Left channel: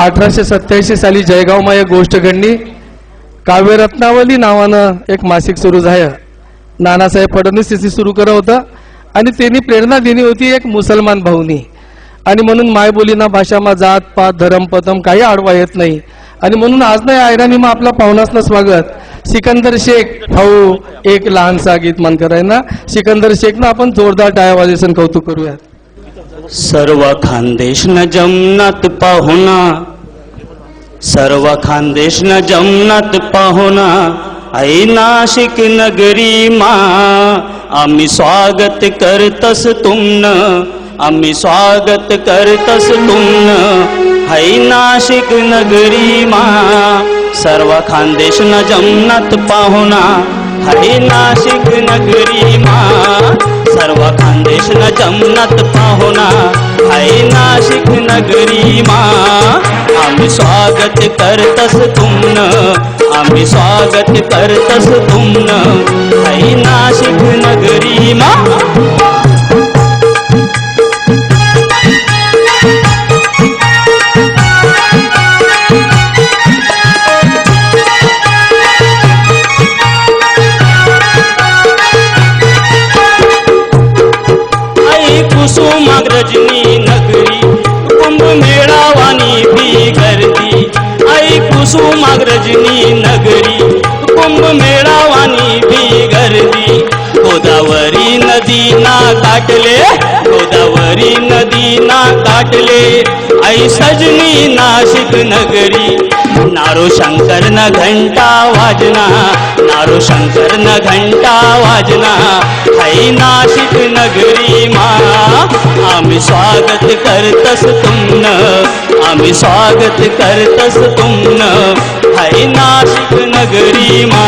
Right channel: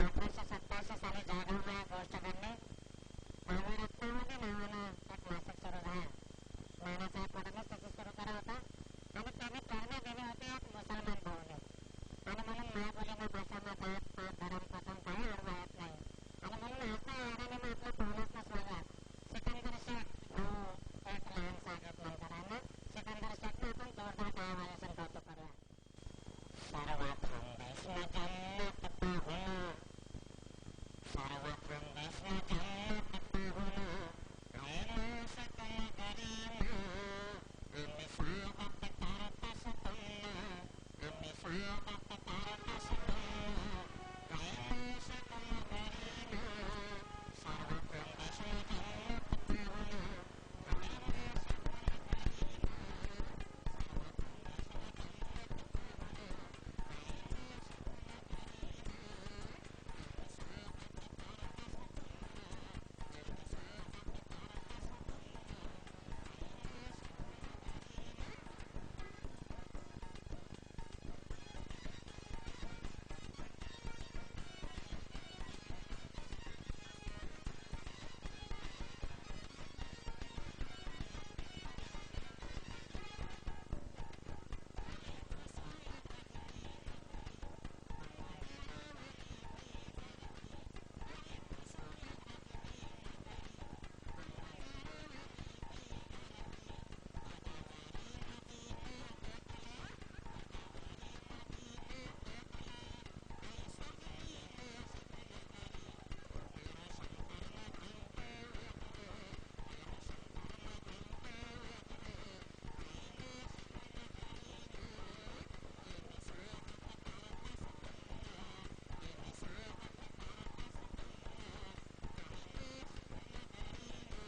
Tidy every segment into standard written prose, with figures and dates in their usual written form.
1887 साली जळगावમાં एक गोष्ट घडली. काव्यरत्नावली नावानं एक मासिक सुरू झालं. नानासाहेब फडणवीस यांनी सुरू केलं होतं आणि त्यांनी प्रेरणा दिली होती एक मुसलमान भाऊनी. आणि म्हणून मायबोलीना भाषामा जात पात धर्म पतम काही आडवा येत नाही. आणि म्हणून आज नाही आयराणी मग आपला पाहुणासनं स्वागत सिकंदर शेख भाऊ एक लहानसा गीत मन करायना. सिकंदर शेख ना आपण जोरदार टाळ्या वाजवून कौतुक करूया. सर्व खानदेश न जमनात पाहुणा, सर्व खानदेश न जमनात पाहुणा, आई नाशिक नगरी मा आम्ही स्वागत करतस तुमन, आम्ही स्वागत करतस तुमन, आई नाशिक नगरी मा. सर्व खानदेश न जमनात पाहुणा, आई नाशिक नगरी मा. सर्व खानदेश न जमनात पाहुणा, आई नाशिक नगरी मा. आम्ही स्वागत करतस तुमन, आम्ही स्वागत करतस तुमन, आई नाशिक नगरी मा. कुसुमाग्रजनी नगरी कुंभ मेळावानी भी गर्दी, आई कुसुमाग्रजनी नगरी कुंभ मेळावानी भी गर्दी. गोदावरी नदी ना काटले, गोदावरी नदी ना काटले, आई सजनी नाशिक नगरी. नारो शंकर न घंटा वाजना, नारो शंकर न घंटा वाजना, आई नाशिक नगरी मा. आम्ही स्वागत करतस तुमन, आम्ही स्वागत करतस तुमन, आई नाशिक नगरी मा.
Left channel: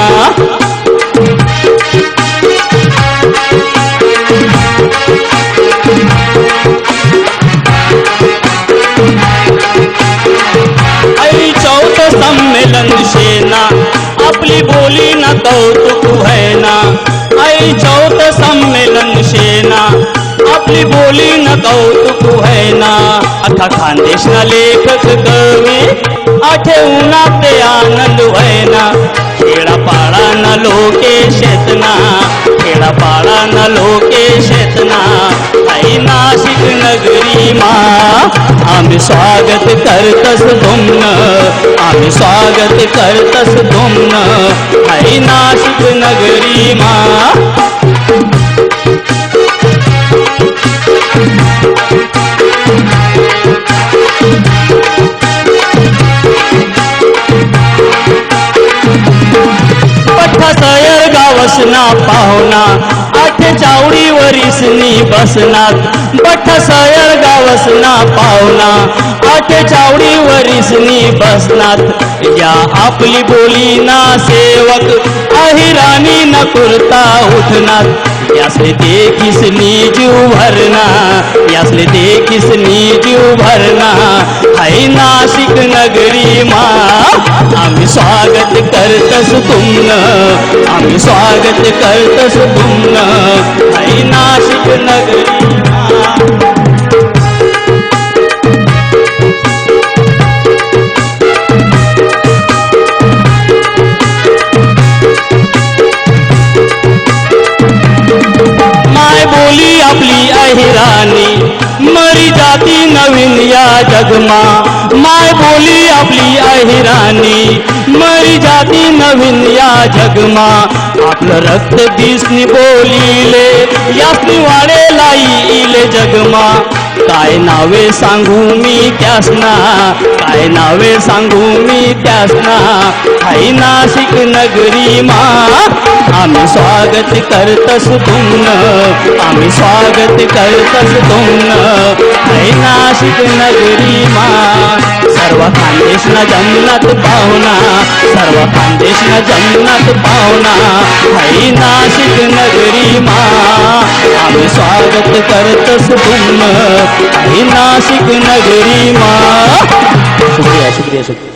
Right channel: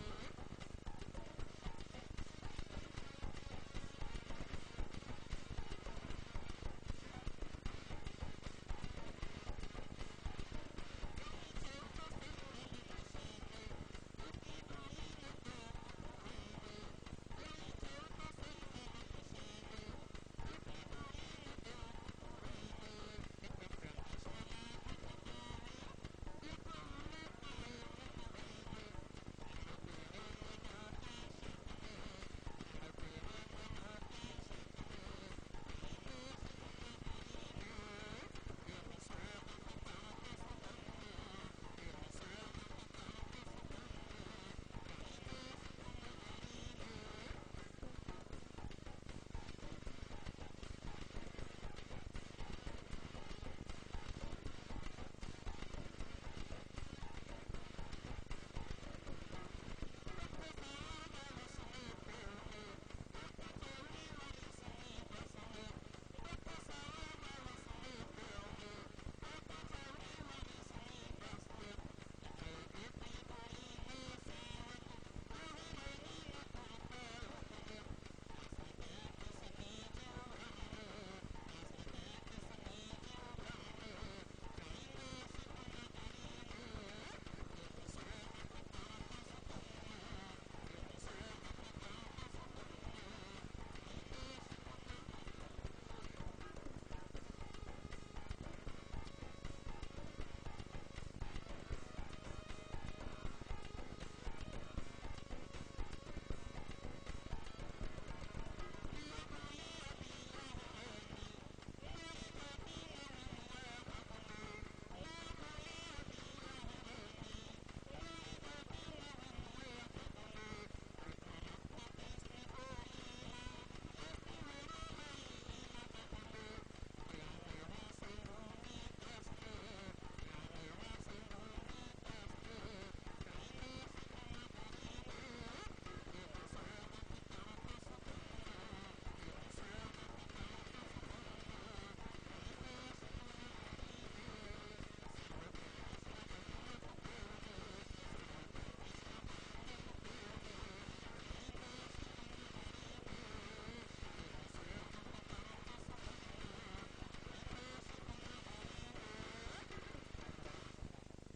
आई चौथ संमेलन सेना आपली बोली न कौतुक है ना. आई चौथ संमेलन सेना आपली बोली न कौतुक है ना. अख्खा खानदेश ना लेखक कवी आठवूना ते आनंद है ना. खेडापाडा न लोके शेतना, खेडापाडा न लोके शेतना, आई नाशिक नगरी मा. आम्ही स्वागत करतस तुमन, आम्ही स्वागत करतस तुमन, आई नाशिक नगरी मा. सयर गावसना पाहुणा, आठ चावडी वरीसनी बसनात. बठ सयर गावसना पाहुणा, आठ चावडी वरीसनी बसनात. या आपली बोली ना सेवक अहिराणी न कुर्ता उठनात. यासले देखिसनी जीव भरना, यासले देखिसनी जीव भरना, आई नाशिक नगरी मा. आम्ही स्वागत करतस तुमन, आम्ही स्वागत करतस तुमन, आई नाशिक नगरी मा. माय बोली आपली अहिराणी मरी जाती नवीन या जगमा. माय बोली आपली अहिराणी मरी जाती नवीन या जगमा. आपलं रक्त दिसनी बोलीले यासनी वाडे लाईले जगमा. काय नावे सांगू मी त्यासना, काय नावे सांगू मी त्यासना, आई नाशिक नगरी मा. आम्ही स्वागत करतस तुमन, आम्ही स्वागत करतस तुमन, आई नाशिक नगरी मा. सर्व खानदेश न जमनात पाहुणा, सर्व खानदेश न जमनात पाहुणा, आई नाशिक नगरी मा. आम्ही स्वागत करतस तुमन, आई नाशिक नगरी मा. शुक्रिया शुक्रिया शुक्रिया.